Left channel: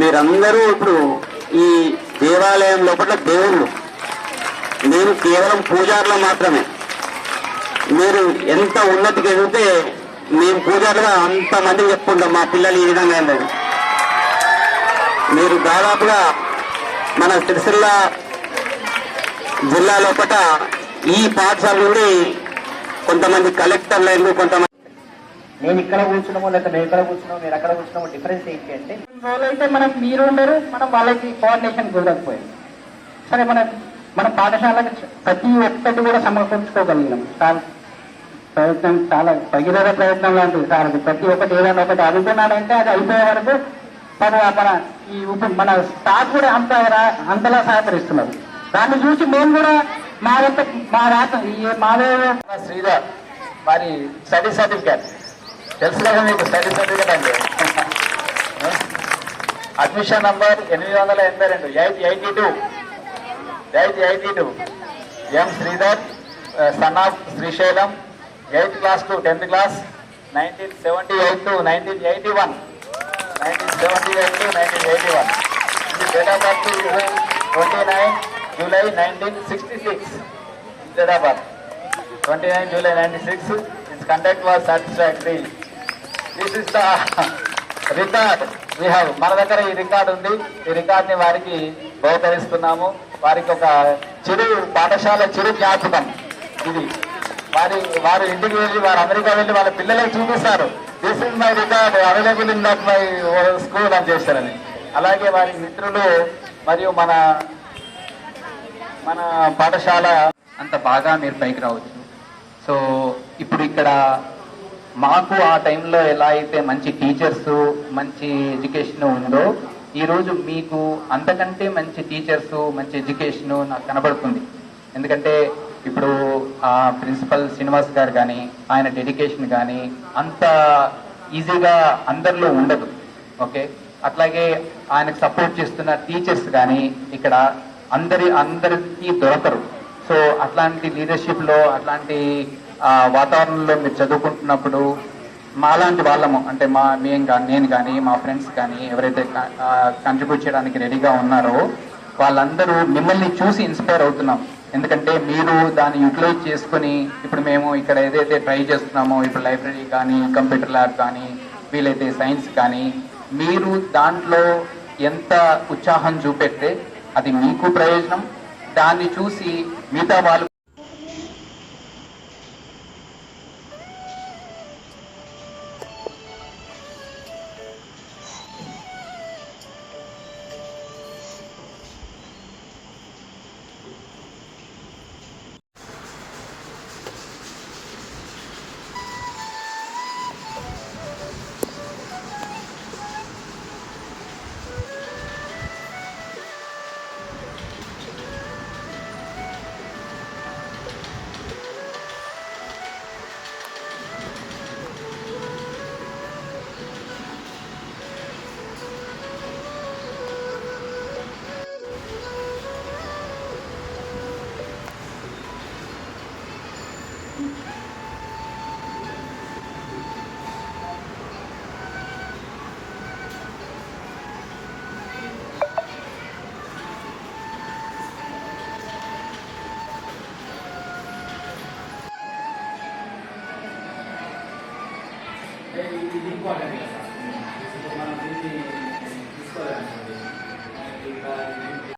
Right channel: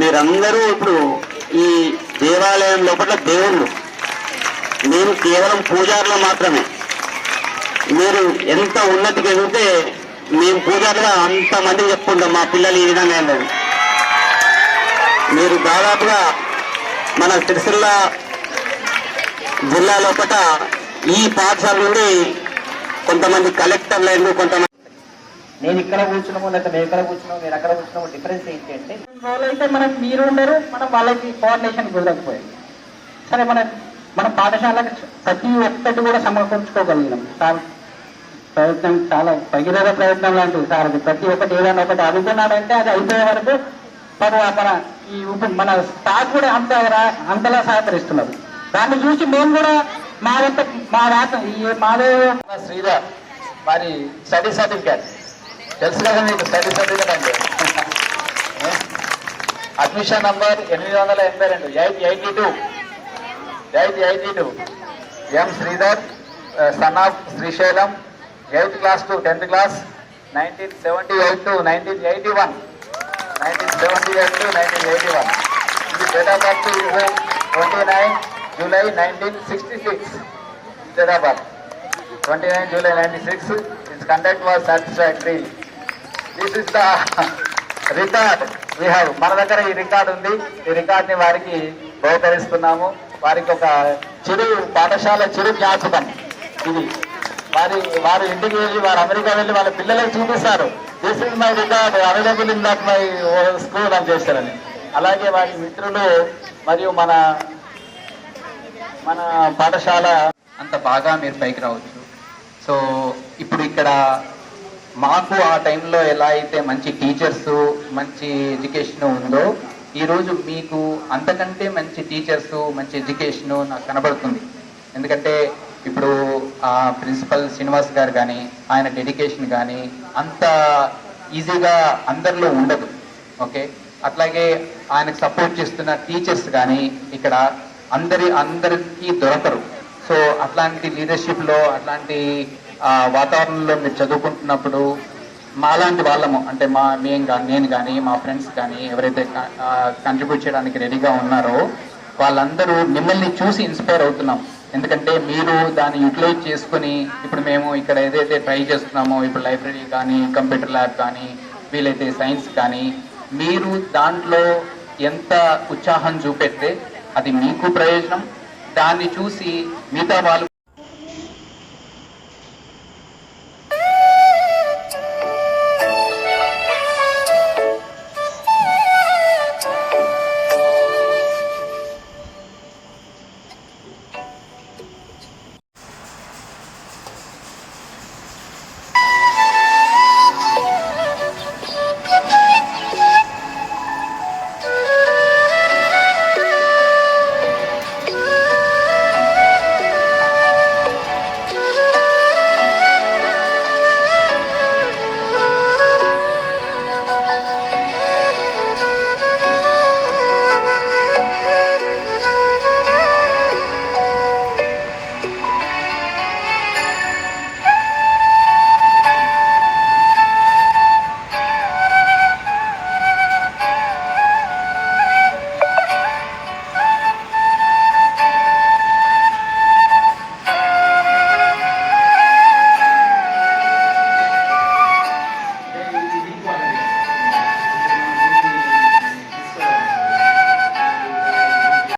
మీరందరూ ఇప్పుడు ఈ దేవాలయం లోపల దేవుళ్ళు, మేము కేవలం పూజారులు మాత్రమే. మీరు ఎంత ఉన్నతికి ఎదిగితే మేము పూజారుగా అంతమందికి చెప్పుకుంటాం మా పిల్లలు ఈ విధంగా వెళ్ళదు. మీరు దాదాపుగా మన సిరిసిల్ల జిల్లా లోపల ఈ పాఠశాల నుండి కొంతమంది కలెక్టర్లు, కొంతమంది నేను ఇక్కడ కూర్చున్నామో లేకపోతే మేము ఇక్కడ కూర్చున్నామో మీరు అక్కడ కూర్చున్నామో డిఫరెన్స్ ఏంటి అంటే, రోజైతే మనం మీరు ఉండరు, మనం వాళ్ళకి కోఆర్డినేషన్ కుదరకపోయింది. సరే మన పాఠశాలకు ప్రతి ఒక్కటి కూడా సమకూర్చుకోగలిగినాం. చాలా ప్రయత్నం, చాలా భగీరథ ప్రయత్నం లాంటిది సార్. అది ప్రతి ఒక్కటి ఏదైనా ఒకటి అనుకున్నాడంటే అది అయిపోయే వరకు మన స్టాఫ్ కూడా అంతలా సహకరిస్తున్నారు. దాన్ని చూసి మేము కూడా మాదే శ్రీధర్ మరి స్టడీ సర్టిఫికేట్ తెలుసు కదా మీకు, స్టడీ సర్టిఫికేట్ అంటే admission number 882 882 M Sridhar son of Srisailam 8th class to 10th class 1978 to 1981. 1978 to 1981. The date of birth is 29 July 1966. Date of birth 29 July 1966. Its conduct was satisfactory. This is the record we have. మన దగ్గర ఈ record ఉంది. ఈ record ని వారికి బహుకరిస్తున్నాము. వారికి ఒక పాఠశాల చిరు జ్ఞాపకం ఇది. వారు ఇంటికి వెళ్ళి, వారు అమెరికా వెళ్ళి వాళ్ళ పిల్లలకు చూపిస్తారు. This is my record available in that my school అని చేస్తారని. అలాగే వారి మిత్రులు మరియు మన పాఠశాల అంత బాగా మీరు పైకి రావచ్చు. సో ఇప్పుడు ఇక్కడ మాకు ఆ టైంలో ఎలా అయితే మంచి టీచర్స్, మంచి ఎడ్యుకేషన్ ఉందో, ఈరోజు మీకు అంతకంటే మంచి టీచర్స్, మంచి ఎడ్యుకేషన్ నాకు కనబడుతుంది. ఎందుకంటే ఇప్పుడు ప్రిన్సిపల్ శ్రీనివాస్ గారు కానీ ఆయన డెడికేషన్ కానీ అంత ఈజీగా అందరిలో ఉండదు. ఓకే, అట్లాగే ఆయనకు సపోర్ట్ చేస్తున్న టీచర్స్ కానీ ఇక్కడ అందరికీ దొరకరు. సో అట్లాంటి లీడర్షిప్లో, అట్లాంటి వాతావరణంలో మీరు చదువుకుంటున్నప్పుడు మాలాంటి వాళ్ళము, అంటే నేను కానీ మా ఫ్రెండ్స్ కానీ ఎవరైతే కంట్రిబ్యూట్ చేయడానికి రెడీగా ఉన్నారో వాళ్ళందరూ మిమ్మల్ని చూసి ఇన్స్పైర్ అవుతున్నాం. ఎందుకంటే మీరు దాన్ని యూటిలైజ్ చేసుకుని ఇప్పుడు మేము ఇక్కడ ఏదైతే ట్రై చేస్తున్నామో, ఇప్పుడు లైబ్రరీ కానీ, కంప్యూటర్ ల్యాబ్ కానీ, వీలైతే సైన్స్ కానీ, మీరు దాంట్లో ఎంత ఉత్సాహం చూపెడితే అది మీకు ప్రయోజనం. దాన్ని చూసి మిగతా వాళ్ళు